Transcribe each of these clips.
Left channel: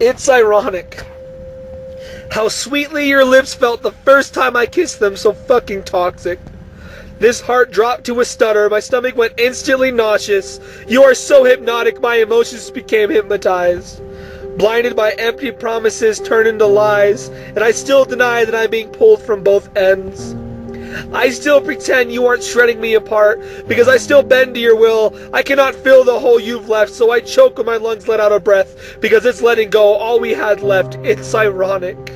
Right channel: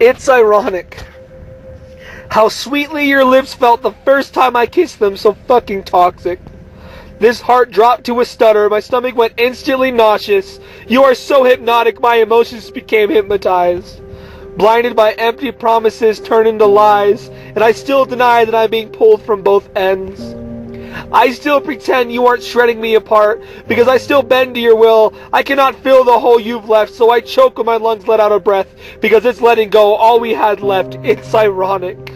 It's ironic how sweetly your lips felt the first time I kissed them, so fucking toxic. This heart dropped to a stutter, my stomach went instantly nauseous. You are so hypnotic, my emotions became hypnotized. Blinded by empty promises turned into lies, and I still deny that I'm being pulled from both ends. I still pretend you aren't shredding me apart, because I still bend to your will. I cannot fill the hole you've left, so I choke when my lungs let out a breath, because it's letting go all we had left. It's ironic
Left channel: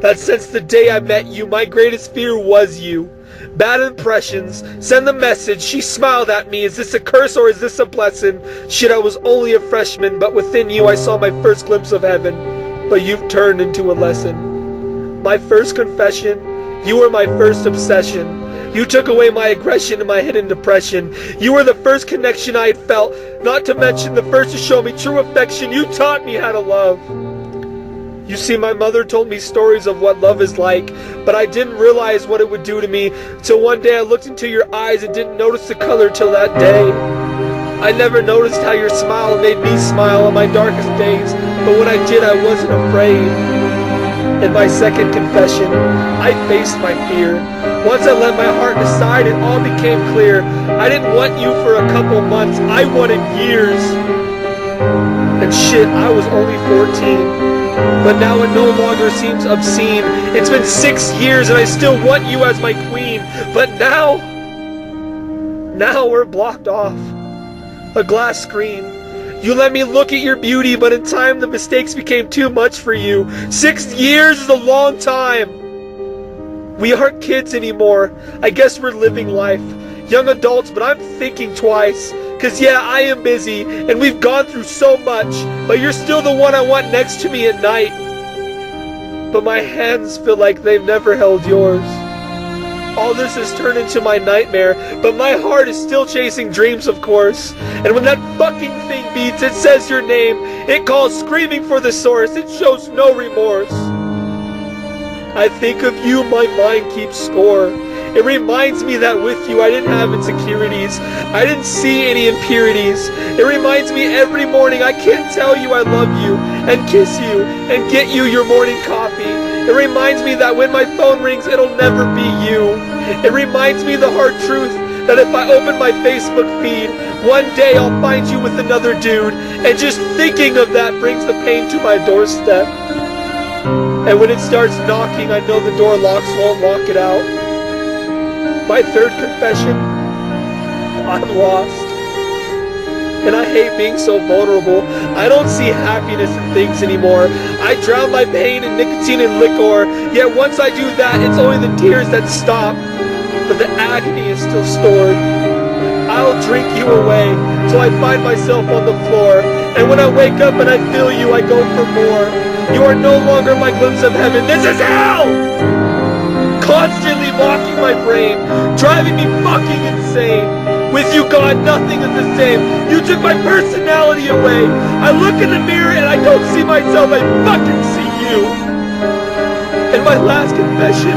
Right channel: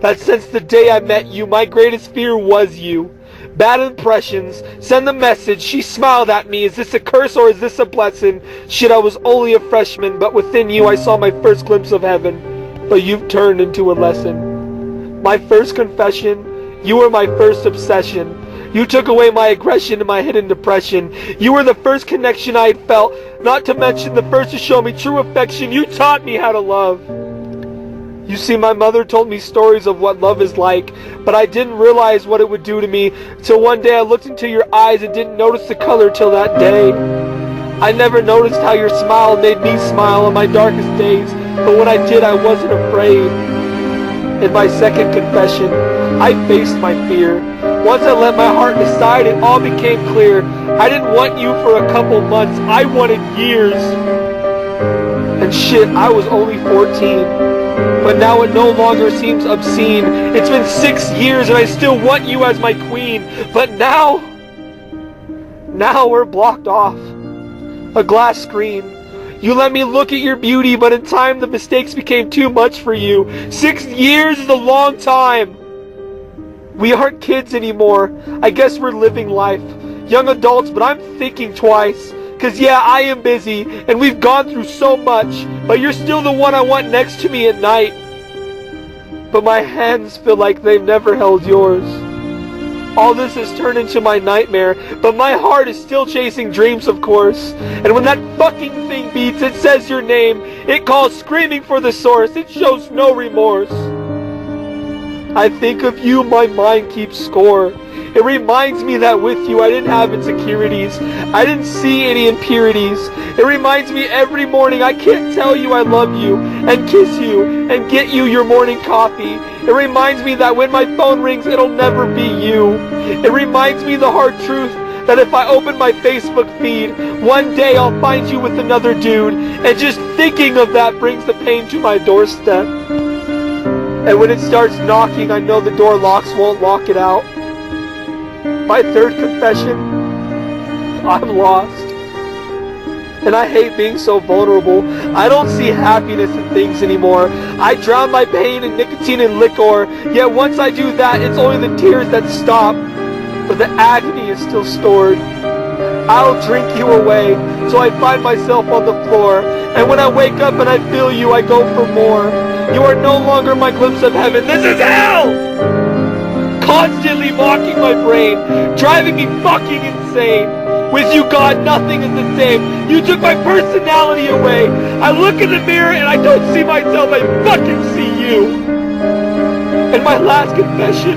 that since the day I met you, my greatest fear was you. Bad impressions, send the message, she smiled at me, is this a curse or is this a blessing? Shit, I was only a freshman, but within you I saw my first glimpse of heaven. But you've turned into a lesson. My first confession, you were my first obsession. You took away my aggression and my hidden depression. You were the first connection I had felt, not to mention the first to show me true affection. You taught me how to love. You see, my mother told me stories of what love is like, but I didn't realize what it would do to me till one day I looked into your eyes and didn't notice the color till that day. I never noticed how your smile made me smile on my darkest days, but when I did, I wasn't afraid. In my second confession, I faced my fear. Once I let my heart decide, it all became clear. I didn't want you for a couple months, I wanted years. And shit, I was only 14. But now it no longer seems obscene. It's been 6 years and I still want you as my queen. But now we're blocked off. A glass screen. You let me look at your beauty, but in time the mistakes became too much for you. 6 years is a long time. We aren't kids anymore. I guess we're living life. Young adults, but I'm thinking twice. Cause yeah, I am busy, and we've gone through so much, but you're still the one I want next to me at night. But my hands feel like they've never held yours. All this has turned into my nightmare, but my heart is still chasing dreams, of course. And when that fucking thing beats, it says your name, it calls screaming for the source, it shows no remorse. I think of you, my mind keeps score. It reminds me that with you I didn't have insecurities. I didn't see any impurities. It reminds me every morning I can't tell you I love you and kiss you and get you your morning coffee. It reminds me that when my phone rings it'll never be you. It reminds me the hard truth that if I open my Facebook feed, one day I'll find you with another dude, and just thinking of that brings the pain to my doorstep. And when it starts knocking, I know the door locks won't lock it out. My third confession, I'm lost. And I hate being so vulnerable. I don't see happiness in things anymore. I drown my pain in nicotine and liquor. Yet once I do that, it's only the tears that stop. But the agony is still stored. I'll drink you away till I find myself on the floor. And when I wake up and I feel you, I go for more. You are no longer my glimpse of heaven. This is hell! Constantly mocking my brain, driving me fucking insane. With you gone, nothing is the same. You took my personality away. I look in the mirror and I don't see myself, I fucking see you. And my last confession,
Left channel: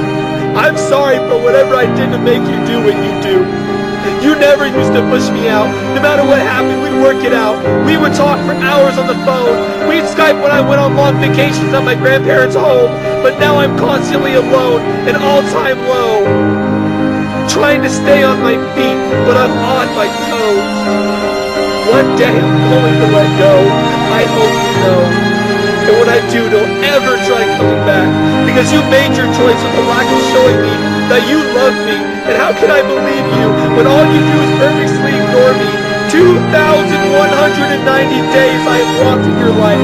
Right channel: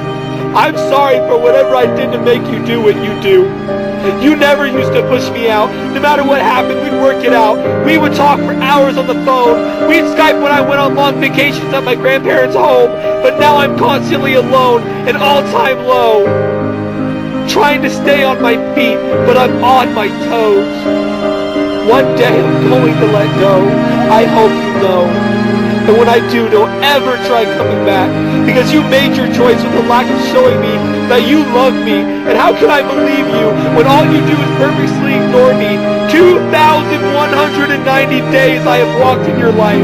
I'm sorry for whatever I did to make you do what you do. You never used to push me out. No matter what happened, we'd work it out. We would talk for hours on the phone. We'd Skype when I went on long vacations at my grandparents' home. But now I'm constantly alone, an all-time low. Trying to stay on my feet, but I'm on my toes. One day I'm going to let go. I hope you know. And when I do, don't ever try coming back, because you made your choice with the lack of showing me that you love me. And how can I believe you when all you do is purposely ignore me? 2,190 days I have walked in your life.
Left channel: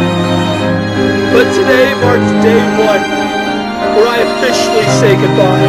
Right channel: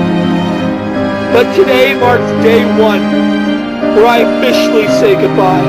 But today marks day 1, where I officially say goodbye.